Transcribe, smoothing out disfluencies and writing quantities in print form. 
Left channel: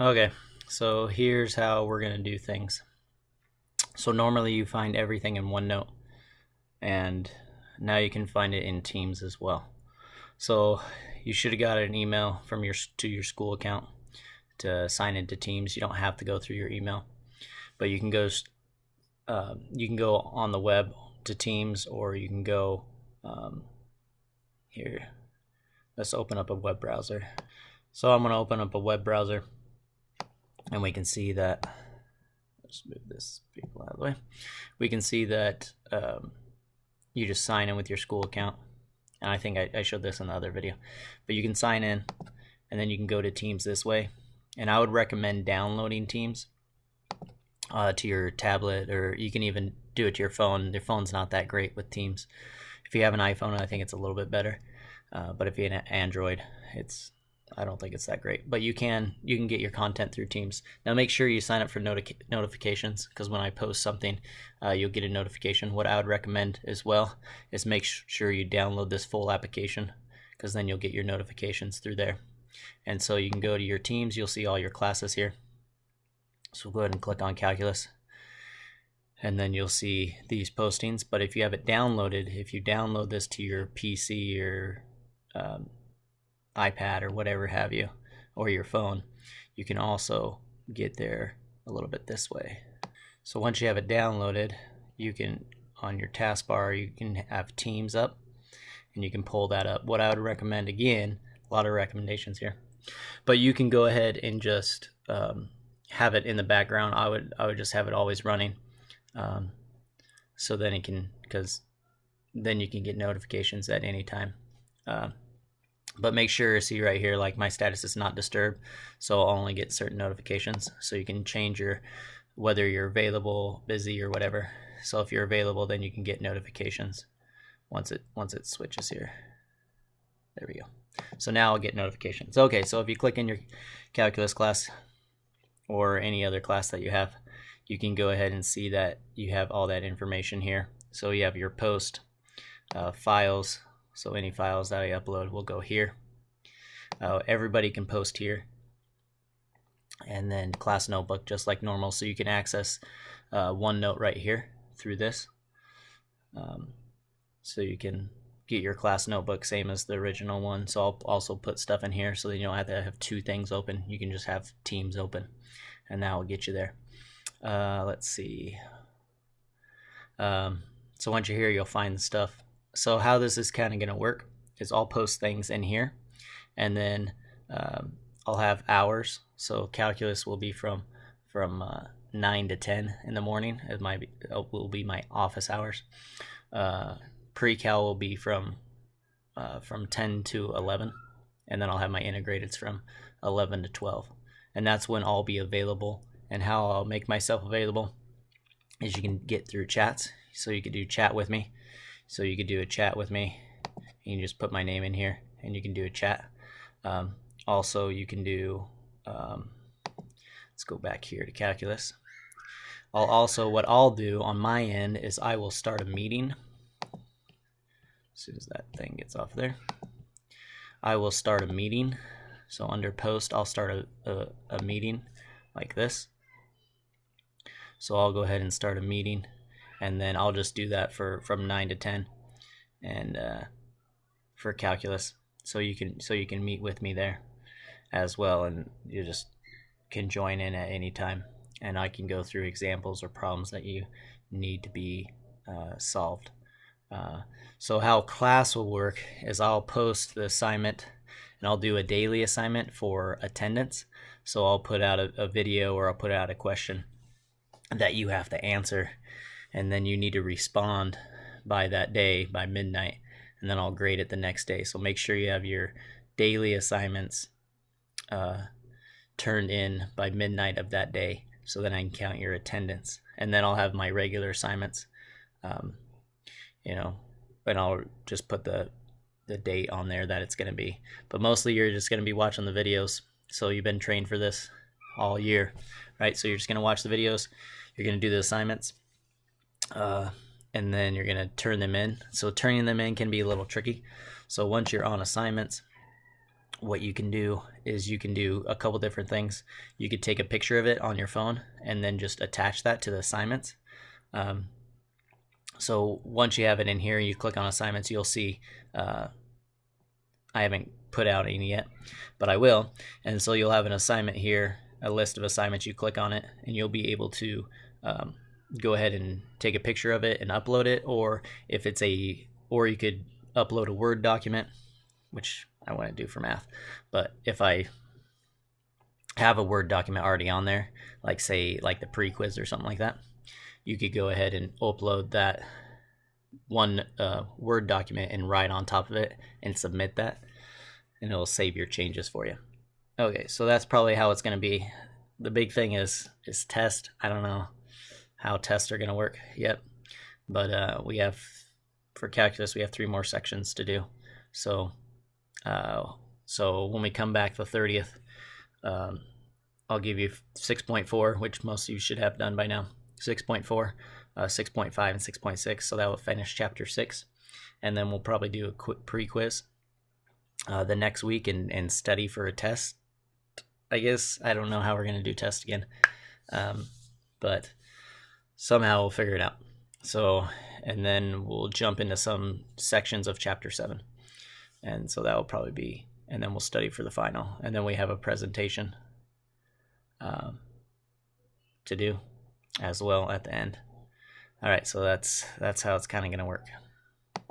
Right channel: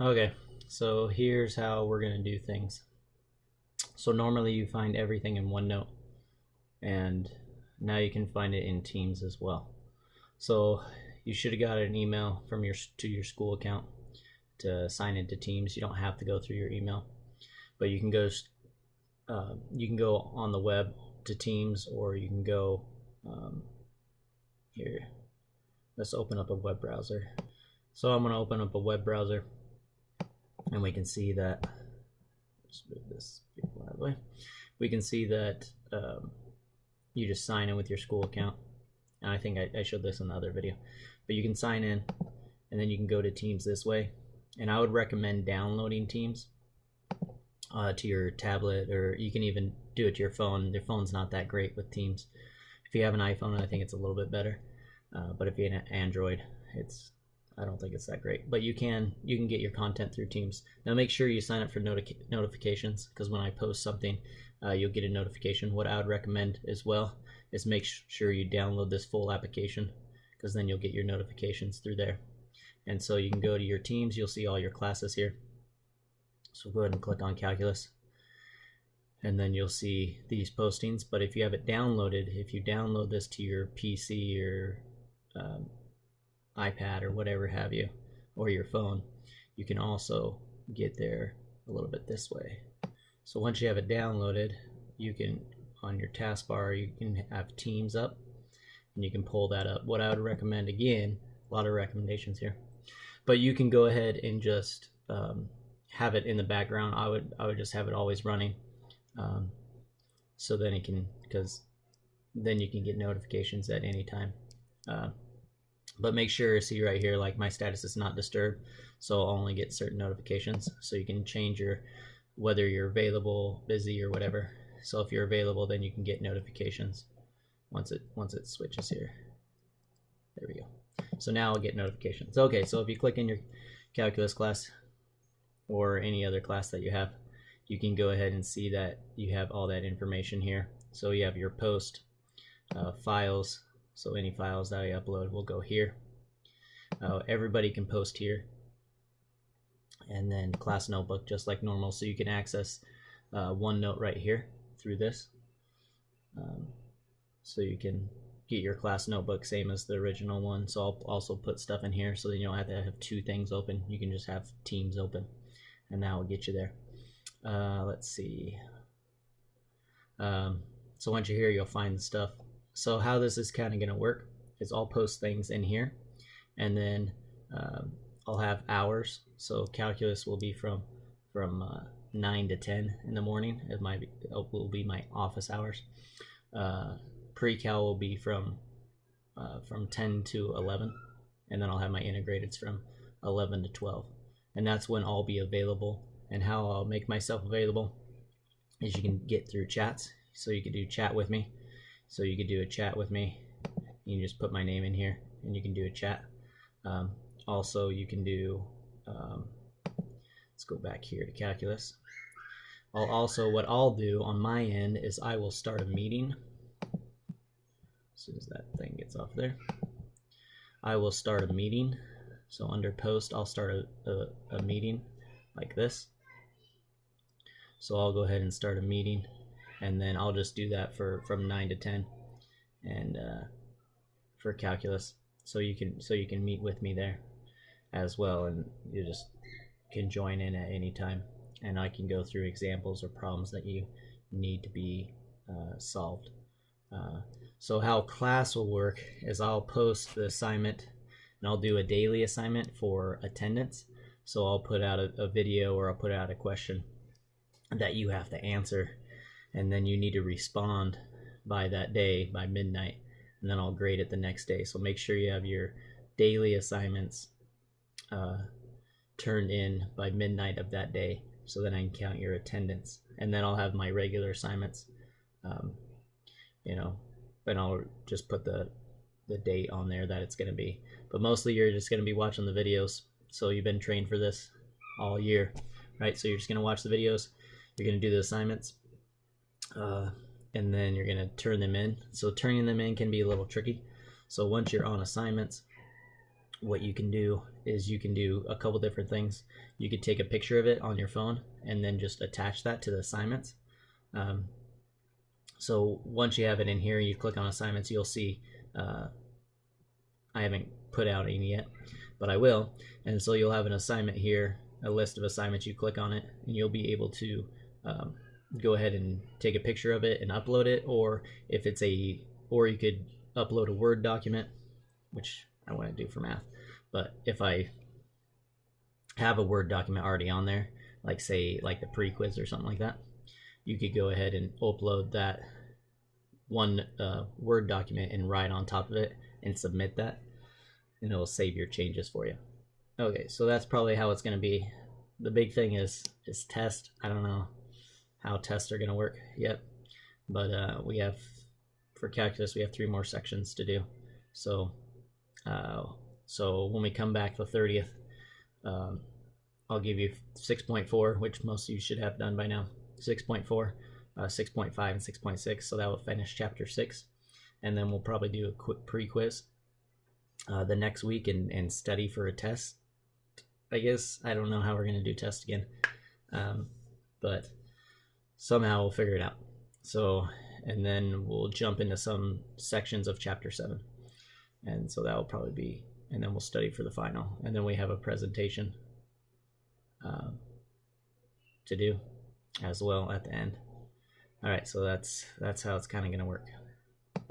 Okay, so here's how we're going to do things. So normally you find everything in OneNote, and now you can find it in Teams as well. So you should have got an email from your school account to sign into Teams. You don't have to go through your email, but you can go on the web to Teams, or you can go here. Let's open up a web browser. So I'm going to open up a web browser, and we can see that. Let's move this people out of the way. We can see that you just sign in with your school account, and I think I showed this in the other video, but you can sign in, and then you can go to Teams this way. And I would recommend downloading Teams to your tablet, or you can even do it to your phone. Your phone's not that great with Teams. If you have an iPhone, I think it's a little bit better, but if you have an Android, I don't think it's that great. But you can get your content through Teams. Now make sure you sign up for notifications, because when I post something, you'll get a notification. What I would recommend as well is make sure you download this full application, because then you'll get your notifications through there. And so you can go to your Teams, you'll see all your classes here. So go ahead and click on Calculus, and then you'll see these postings. But if you have it downloaded, if you download this to your PC or iPad or whatever have you, or your phone, you can also get there a little bit this way. So once you have it downloaded, you can, on your taskbar, you can have Teams up, and you can pull that up. What I would recommend, again, a lot of recommendations here, but you can go ahead and just have it in the background. I would just have it always running, so then it can, because then you can get notifications at any time. But make sure, see right here, like my status is not disturbed, so I'll only get certain notifications. So you can change whether you're available, busy, or whatever. So if you're available, then you can get notifications once it switches here. There we go. So now I'll get notifications. Okay, so if you click in your calculus class or any other class that you have, you can go ahead and see that you have all that information here. So you have your post, files. So any files that I upload will go here. Everybody can post here. And then class notebook, just like normal. So you can access OneNote right here through this. So you can get your class notebook, same as the original one. So I'll also put stuff in here, so that you don't have to have two things open. You can just have Teams open, and that will get you there. Let's see. So once you're here, you'll find the stuff. So how this is kind of going to work is I'll post things in here, and then I'll have hours. So calculus will be from 9 to 10 in the morning. It will be my office hours. Pre-cal will be from 10 to 11, and then I'll have my integrateds from 11 to 12, and that's when I'll be available. And how I'll make myself available is you can get through chats. So you could do chat with me. So you could do a chat with me. You can just put my name in here, and you can do a chat. Also, you can do, let's go back here to calculus. What I'll do on my end is I will start a meeting. As soon as that thing gets off there, I will start a meeting. So under post, I'll start a meeting like this. So I'll go ahead and start a meeting, and then I'll just do that from 9 to 10, and for calculus. So you can meet with me there as well, and you just can join in at any time, and I can go through examples or problems that you need to be solved. So how class will work is I'll post the assignment, and I'll do a daily assignment for attendance. So I'll put out a video, or I'll put out a question that you have to answer, and then you need to respond by that day, by midnight, and then I'll grade it the next day. So make sure you have your daily assignments turned in by midnight of that day, so then I can count your attendance. And then I'll have my regular assignments, and I'll just put the date on there that it's going to be. But mostly you're just going to be watching the videos. So you've been trained for this all year, right? So you're just going to watch the videos, you're going to do the assignments, and then you're going to turn them in. So turning them in can be a little tricky. So once you're on assignments, what you can do is you can do a couple different things. You could take a picture of it on your phone and then just attach that to the assignments. So once you have it in here, you click on assignments, you'll see I haven't put out any yet, but I will. And so you'll have an assignment here, a list of assignments. You click on it and you'll be able to go ahead and take a picture of it and upload it, or if it's or you could upload a Word document, which I want to do for math. But if I have a Word document already on there, like say like the pre-quiz or something like that, you could go ahead and upload that one Word document and write on top of it and submit that, and it'll save your changes for you. Okay, so that's probably how it's going to be. The big thing is test. I don't know how tests are going to work yet, but we have, for calculus, we have 3 more sections to do. So when we come back the 30th, I'll give you 6.4, which most of you should have done by now. 6.4, 6.5, and 6.6. So that will finish chapter 6, and then we'll probably do a quick pre-quiz the next week and study for a test. I guess I don't know how we're going to do test again, but somehow we'll figure it out. So, and then we'll jump into some sections of chapter 7, and so that will probably be, and then we'll study for the final, and then we have a presentation to do as well at the end. All right, so that's how it's kind of going to work.